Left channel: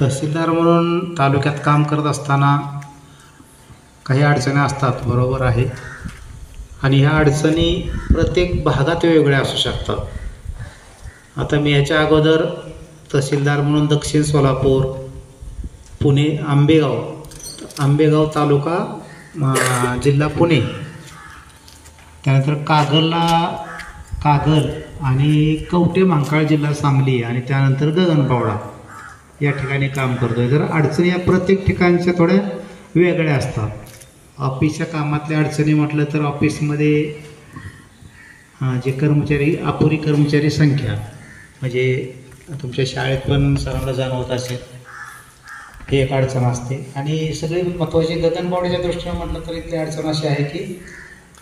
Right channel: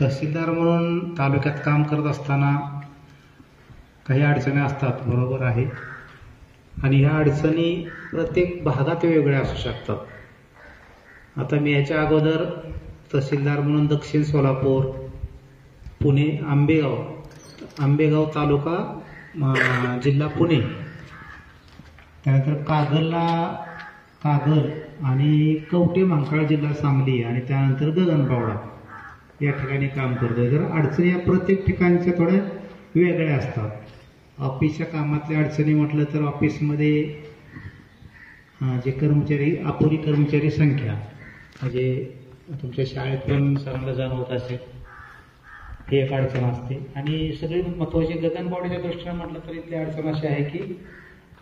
तहसीलदार म्हणून तालुक्यात काम करत असताना काही अडचणी असतात, बरोबर आहे. आणि ह्या अडचणी प्रत्येक भागात वेगवेगळ्या असू शकतात. आता मी ह्याच्या अगोदर तहसीलदार म्हणून दक्षिण सोलापूर, पुणे, आंबेगाव तालुका, जिल्हा पुणे, त्यानंतर कागल आणि कवठे महांकाळ जिल्हा सांगली आणि त्यानंतर गगनबावडा या ठिकाणी काम करतो आहे. तर अडचणी या प्रत्येक ठिकाणच्या थोड्या वेगळ्या असतात. ऑफिसच्या कामातल्या अडचणी म्हटलं तर ऑफिसमध्ये जे कर्मचारी, अपुरी कर्मचारी संख्या, म्हणजे तुमच्या शाळेत पण सरांना जाणवत असेल, ही एक अडचण असते. आणि सगळी महत्त्वाची गगनबावड्याच्या दृष्टीनं म्हटलं तर इथली अडचण अशी आहे की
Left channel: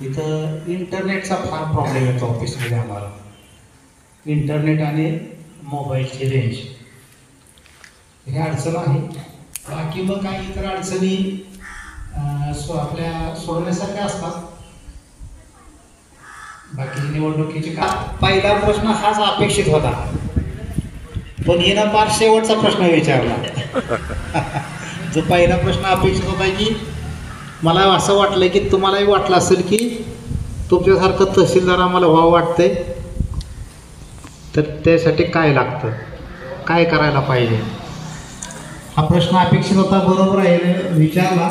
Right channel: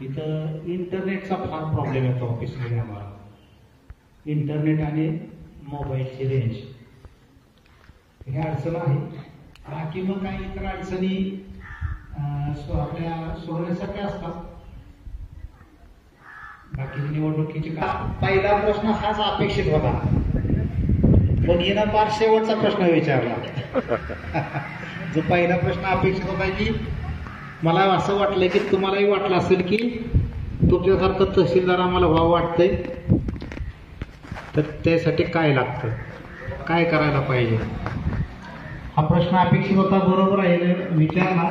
इथं इंटरनेटचा फार प्रॉब्लेम येतो ऑफिसमध्ये आम्हाला. इंटरनेट आणि मोबाईलची रेंज ही अडचण आहे. बाकी मग काही इतर अडचणी आपल्या सोडण्यासारख्या असतात. बाकी निवडणुकीची का पहिला प्रश्न हाच अपेक्षित होता, पण हिनं फार शेवटचा प्रश्न विचारला. जो पहिला प्रश्न अपेक्षित होता की मला असं वाटलं की तुम्हालाही वाटलं असेल की तुमच्यासारखं तहसीलदार आम्हाला व्हावं वाटतंय, तर त्यासाठी काय लागतं, काय करायला पाहिजे, हा प्रश्न अपेक्षित होता. बरोबर आहे, विचारला.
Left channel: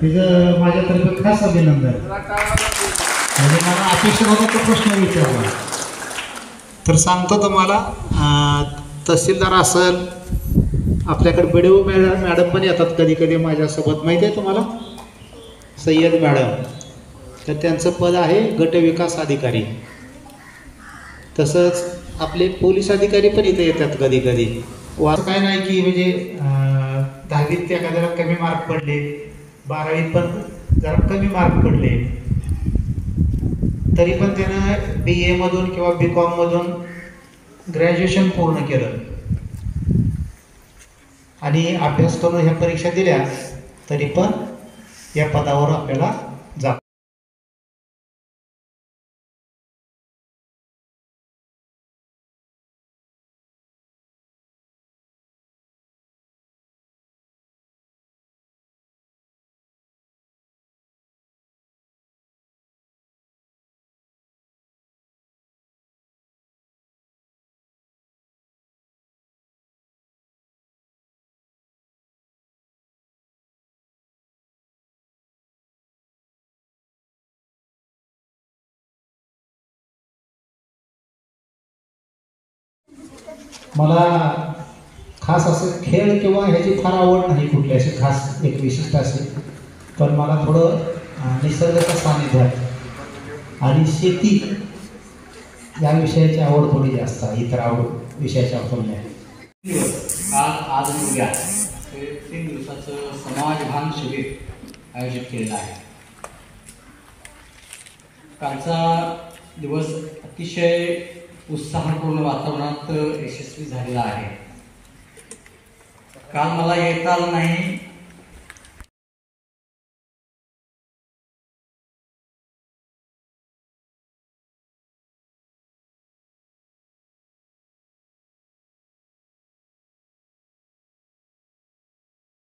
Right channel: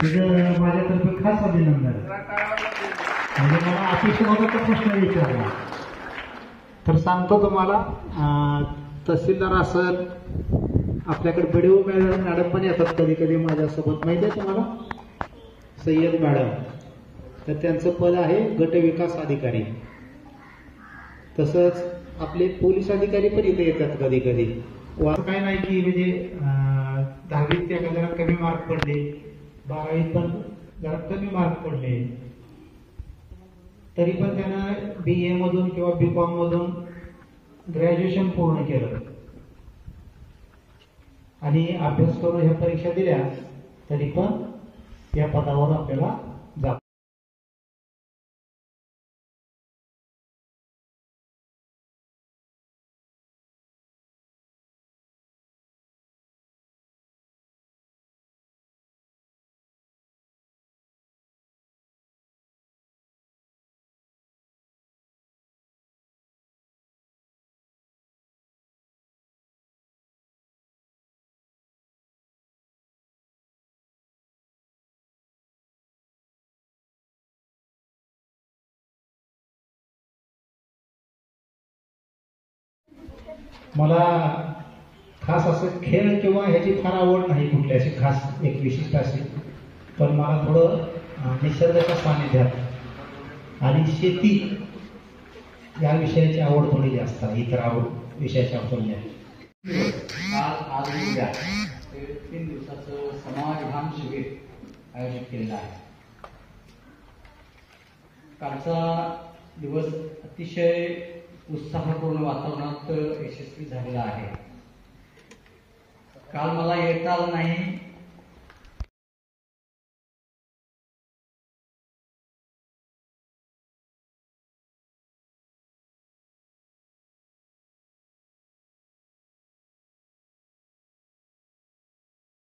तिथं माझ्यातर्फे खास अभिनंदन. म्हणजे मला अपेक्षित होता तो प्रश्न विचारला. तर सांगतो तुम्हाला, तहसीलदार असेल, आपल्याकडे BDO मॅडम पण येतात कधी कधी माझ्यासोबत, माहिती आहे तुम्हाला, सय्यद मॅडम. तर त्यांचं पद आहे गट विकास अधिकारी. तसंच आपले पोलीस अधिकारी पण इथे येतात कधी कधी. असं काय नाही की म्हणजे 10वीत एखाद्याला कमी मार्क पडले, 12वीत पण जरा कमी मार्क पडले, तरी पण त्यानं BA मधून किंवा BCom मधून ग्रॅज्युएशन पूर्ण केलं आणि अभ्यास करून ह्या परीक्षा दिल्या, तरी पण या पदावर आपल्याला जात. मला खास असं खेळ किंवा ह्याची फार आवड नाही कुठली अशी खास एक विशिष्ट असेल, पण मला थोडं निसर्गाच्या सानिध्यात आणि शेती या विषयाची आवड थोडी जास्त आहे, इतर आवड विषयाच्या तुलनेत. आज आणि उद्या 3 दिवसाचं समाजभान शिबिर आयोजित केलेलं आहे. कालचा दिवस अतिशय उत्साहपूर्ण वातावरणात यशस्वी झालेला आहे. काल मला येता आलं नाही